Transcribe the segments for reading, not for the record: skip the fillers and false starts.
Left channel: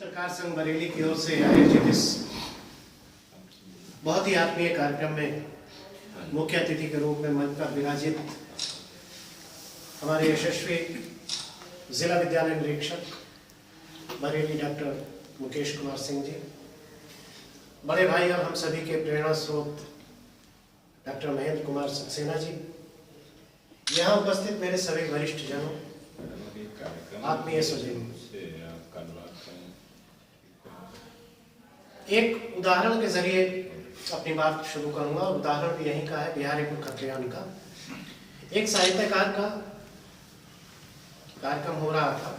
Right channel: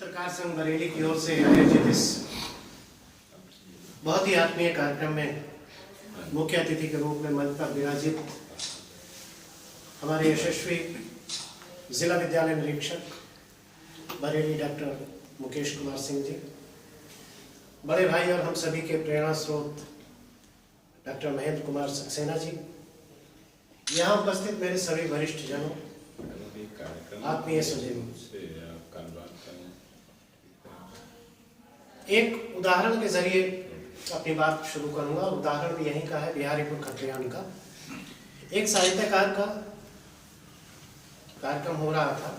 चित्रकार संघ बरेली की ओर से आयोजित इस बहुत ही आत्मीय कार्यक्रम में मुख्य अतिथि के रूप में मंच पर विराजित हमारे यशस्वी जिला विद्यालय निरीक्षक बरेली डॉक्टर मुकेश कुमार सिंह जी, बड़े भाई और हम सभी के प्रेरणा स्रोत डॉक्टर महेंद्र कुमार सक्सेना जी, यहाँ उपस्थित मेरे सभी वरिष्ठ जनों, आत्मीय स्वजनों, एक उदाहरण के जरिए अपनी बात शुरू करूंगा। उदाहरण भी यहीं का है, बिहारीपुर खत्रियान का। एक साहित्यकार का कार्यक्रम हो रहा था,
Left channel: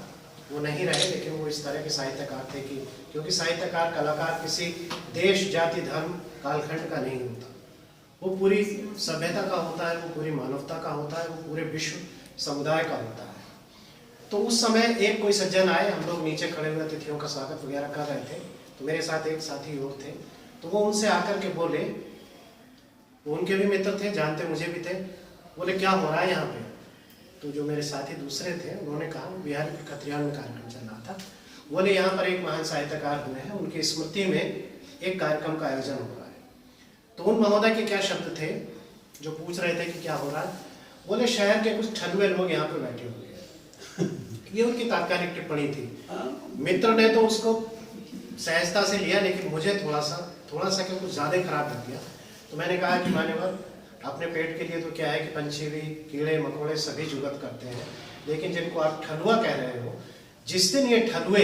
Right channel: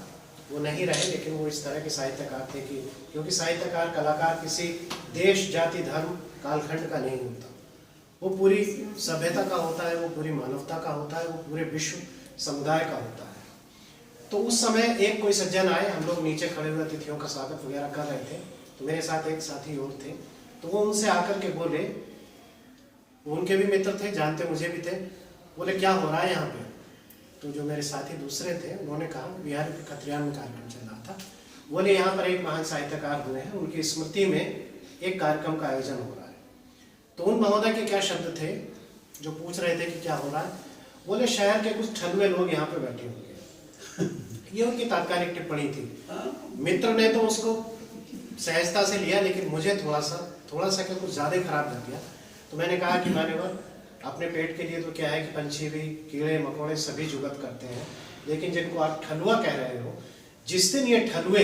वो नहीं रहे, लेकिन वो इस तरह के साहित्यकार थे कि क्योंकि साहित्यकार कलाकार किसी देश, जाति, धर्म, कालखंड का नहीं होता, वो पूरी सभ्यता का होता है, वो पूरी मानवता का होता है, वो पूरे विश्व समुदाय का होता है। तो उस समय एक कोई सज्जन आए, हम लोग नीचे खड़े हुए अतिथियों का स्वागत वगैरह कर रहे थे, तो मेरे साथ एक साथी और थे, तो वो उनसे आकर के बोले, वो उनके भी मित्र थे, जानते मुझे भी थे, बोले क्या हो रहा है यहाँ पे? तो जो मेरे साथी दूसरे थे उन्होंने कहा, बिहारीपुर खत्रियान में कार्यक्रम चल रहा था, बोले यहाँ पर एक महान साहित्यकार हुए हैं, उनकी स्मृति में एक कार्यक्रम का आयोजन हो रहा है। तो उन महोदय के क्या शब्द थे जो पूछ रहे थे कि क्या हो रहा है? बोले शहर के कुछ ठलुए लोग यहाँ पे बैठे होंगे। ये उनकी तात्कालिक टिप्पणी थी। मित्र ने तो उसको सहजता से लिया, लेकिन मुझे थोड़ा सा क्या कुछ ज्यादा खराब लग गया। तो मैंने कहा कि मान्यवर, अपने पेट के लिए तो क्या है कि पंछी भी, कीड़े मकोड़े सभी जुगत करते हैं, लेकिन जिनको आप ठलुआ कह रहे हो, जिस दिन ये ठलुए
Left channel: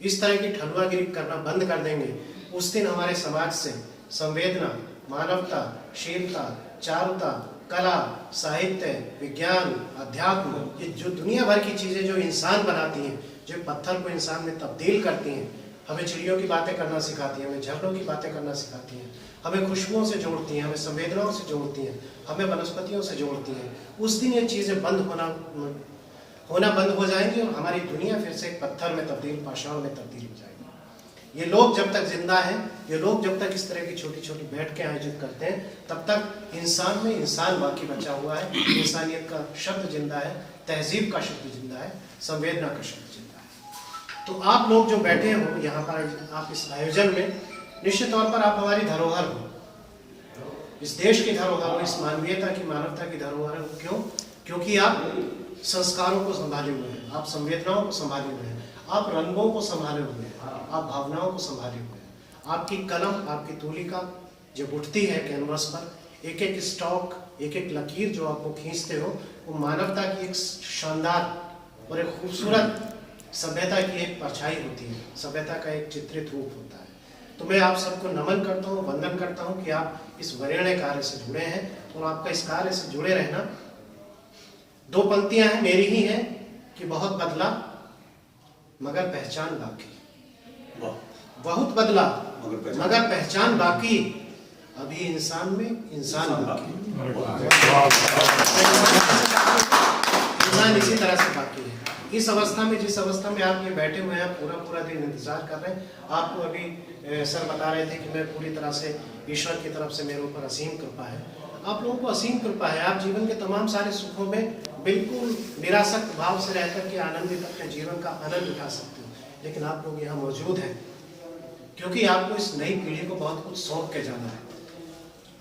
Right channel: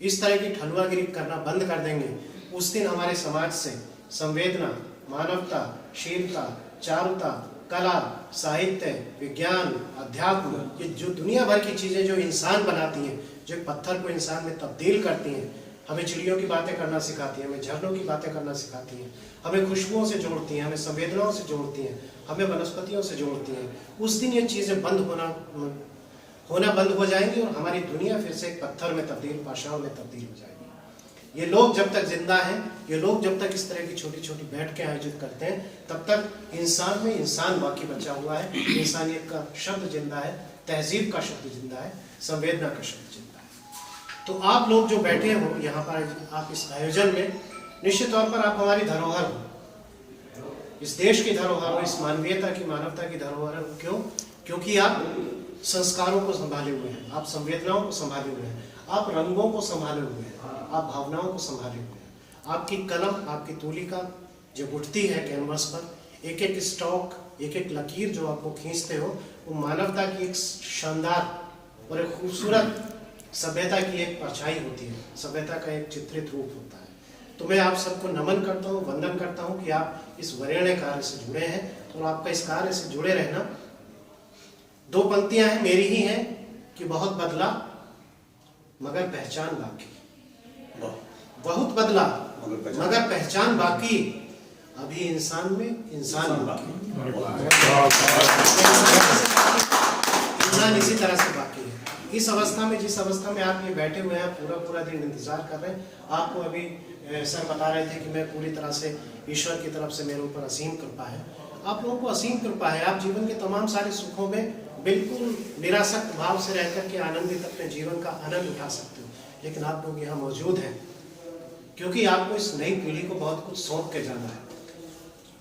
इस तरह की ठलुआगिरी करना बंद कर देंगे, उस दिन हमारे समाज से संवेदना, मानवता, शीलता, चारुता, कला, साहित्य, विज्ञान, अध्यात्म, ये जो दुनिया भर की चीजें जो इंसान बनाती हैं, जो पत्थर को इंसान में तब्दील करती हैं, हमें चिड़ियों की बातें करना सिखाती हैं, हमें झरनों की बातें करना सिखाती हैं, हमें खुशबुओं से जोड़ती हैं, हमें संवेदनाओं से जोड़ती हैं, हमें वनस्पतियों से जोड़ती हैं, उस दिन ये चीजें होना बंद हो जाएंगी और हमारी दुनिया फिर से एक पत्थर में तब्दील, पाषाण में तब्दील हो जाएगी। ये लोग जब तक जिंदा हैं, ये लोग जब तक इस तरह की छोटी छोटी बैठकें आयोजित करते हैं, तब तक इंसान में इंसान बाकी बचा हुआ है, इंसानियत का शब्द जिंदा है, तहजीब का शब्द जिंदा है, संवेदना का शब्द जिंदा है। तो आप लोग जो बैठे हो यहाँ पर, आप इस आयोजन में, निश्चित तौर पर आप हमारी धरोहर हो, इस देश की धरोहर हो, इस मानवीयता की, मानवता की धरोहर हो। क्यों? क्योंकि आप संस्कारों को संभाले हुए हैं, आप संवेदनाओं को संभाले हुए हैं, आप रंगों को संभाले हुए हैं, आप भावनाओं को संभाले हुए हैं। आपकी कलम, आपकी तूलिका जब उठती है कैनवस पर, एक एक स्टॉक, एक एक लकीर जो आपको खींचते हो, वो मानवता की एक शानदार और एक खूबसूरत सभ्यता की एक परछाई होती है, सभ्यता का एक चित्रित रूप होता है। तो मैं आप सबको नमन करता हूँ, वंदन करता हूँ कि आप इस वरेण्य कार्य से जुड़े हैं और आपका इस कार्य से जुड़े रहना। दो पंक्तियां हैं, मेरी ही हैं कि बहुत बदला मगर पहचान बाकी, बहुत बदला मगर पहचान बाकी, अभी इंसान में इंसान बाकी, इंसान इसी तरह से बाकी है। इस अवस्था में, जिस अवस्था में आप ये बैठे हुए हैं, पूरा दिन इंतजार कर रहे हैं, आपको अभी सर बता रहे थे कि मैं पूरी तरह से ईश्वर की तरफ से मेरे ऊपर असीम कृपा है। आप लोगों को असीम कृपा है, आप जीवन के तमाम सारे सुखों में बिल्कुल निरासक्त भाव से रह करके आनंदित अपने जीवन का आनंद उठा सकते हो। लेकिन आप लोग यहाँ मौजूद हैं क्योंकि आपको इस नई पीढ़ी को बहुत कुछ सौंप के जाना है,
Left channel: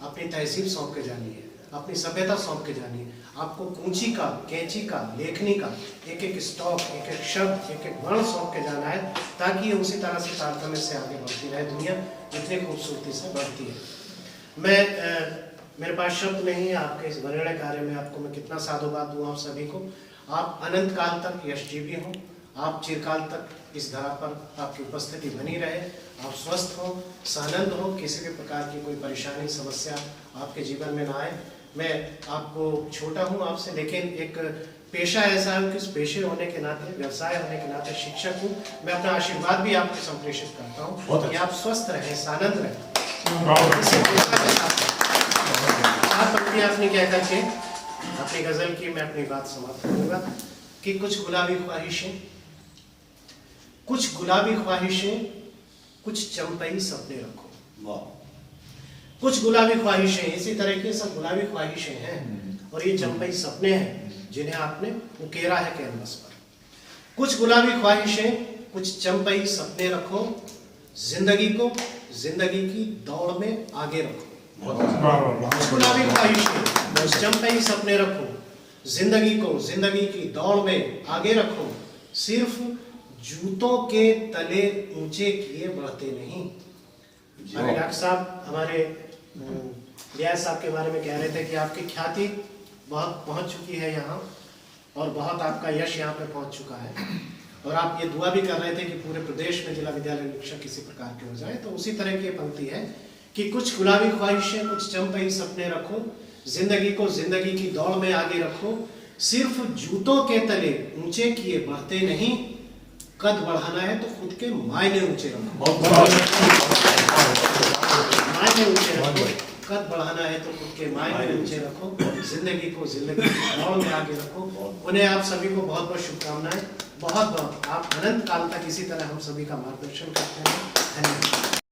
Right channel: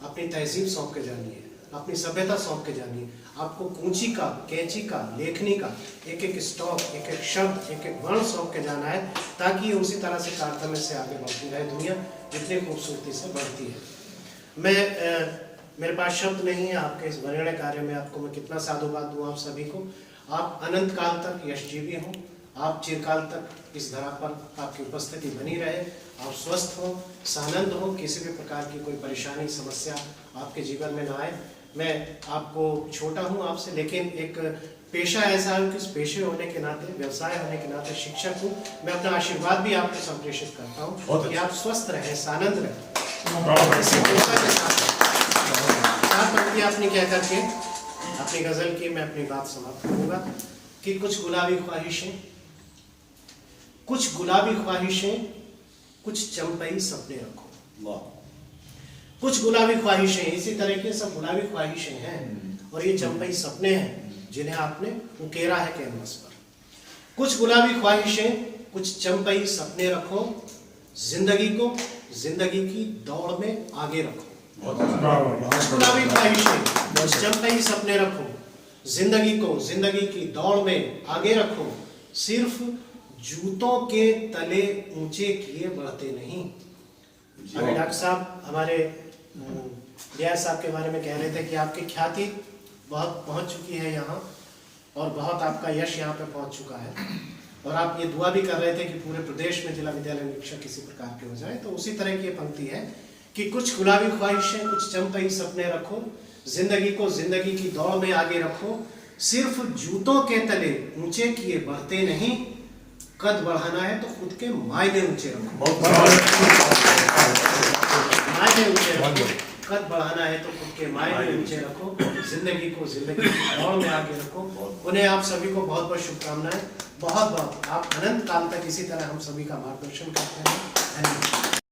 अपनी तहजीब सौंप के जानी है, अपनी सभ्यता सौंप के जानी है। आपको कूंची का, कैंची का, लेखनी का एक एक स्टॉक, एक एक शब्द, एक एक वर्ण सौंप के जाना है, ताकि ये उसी तरह से तारतम्य से आगे बढ़ती रहे दुनिया, जितनी खूबसूरती से बढ़ती है। मेरे पास शब्द नहीं है आपके इस वरेण्य कार्य में, आपको मैं कितना साधुवाद दूं आप सभी को। आप अनंत काल तक यशजीवी हों, आप चिरकाल तक इस धरा पर आपकी उपस्थिति बनी रहे, आप स्वस्थ हो, सानंद हो, किसी भी प्रकार की कोई परेशानी, समस्या आपके जीवन में ना आए। मैं आपको छोटा हूं आपसे, लेकिन एक पेशा ऐसा है कि उस पेशे होने के नाते, व्यवसाय होने के नाते शिक्षक हूँ, मैं अपना आशीर्वाद भी आपको संप्रेषित करता हूँ कि आप स्वस्थ रहें, सानंद रहें। पंक्ति आपने कह करके अपनी गजल की मैं अपनी बात समाप्त करूंगा कि कुछ गुलाबी ख्वाहिशें, कुछ गुलाबी ख्वाहिशें, कुछ चंपई सपने रखो। कुछ गुलाबी ख्वाहिशें, इसी तरह के सब गुलाबी ख्वाहिशें हैं और ये चंपई सपने हैं जिन्हें आपने उकेरा है कैनवस पर। कुछ गुलाबी ख्वाहिशें, कुछ चंपई सपने रखो, जिंदगी को जिंदगी की दौड़ में आगे रखो। कुछ गुलाबी ख्वाहिशें, कुछ चंपई सपने रखो, जिंदगी को जिंदगी की दौड़ में आगे रखो, सिर्फ जूतों के तले ऊंचे किए बढ़ते नहीं। अभी डॉक्टर साहब हमारे रियाज साहब के बारे में कह रहे थे कि आपकी ख्याति बहुत पहुंच चुकी है यहाँ, और बहुत आपका यश यहाँ पे पहुंच चुका है, और आप ये दुआ भी कर रहे थे कि पूरे प्रदेश में जिला विद्यालय निरीक्षक किसी प्रकार के हो जाए। तो उसी तरह की ये पंक्ति है कि कुछ गुलाबी ख्वाहिशें, कुछ चंपई सपने रखो, जिंदगी को जिंदगी की दौड़ में आगे रखो, सिर्फ जूतों के तले ऊंचे किए बढ़ते नहीं, कद बढ़ाना है तो खुद के मायने ऊंचे रखो, मायने ऊंचे रखो, कद बढ़ाना है तो खुद के मायने ऊंचे रखो, जिंदगी को जिंदगी की दौड़ में आगे रखो। उन्हें आप सभी को बहुत बहुत शुभकामनाएं, बहुत बहुत आप अनंत काल तक इसी तरह हम सभी का मार्गदर्शन करते हैं। धन्यवाद।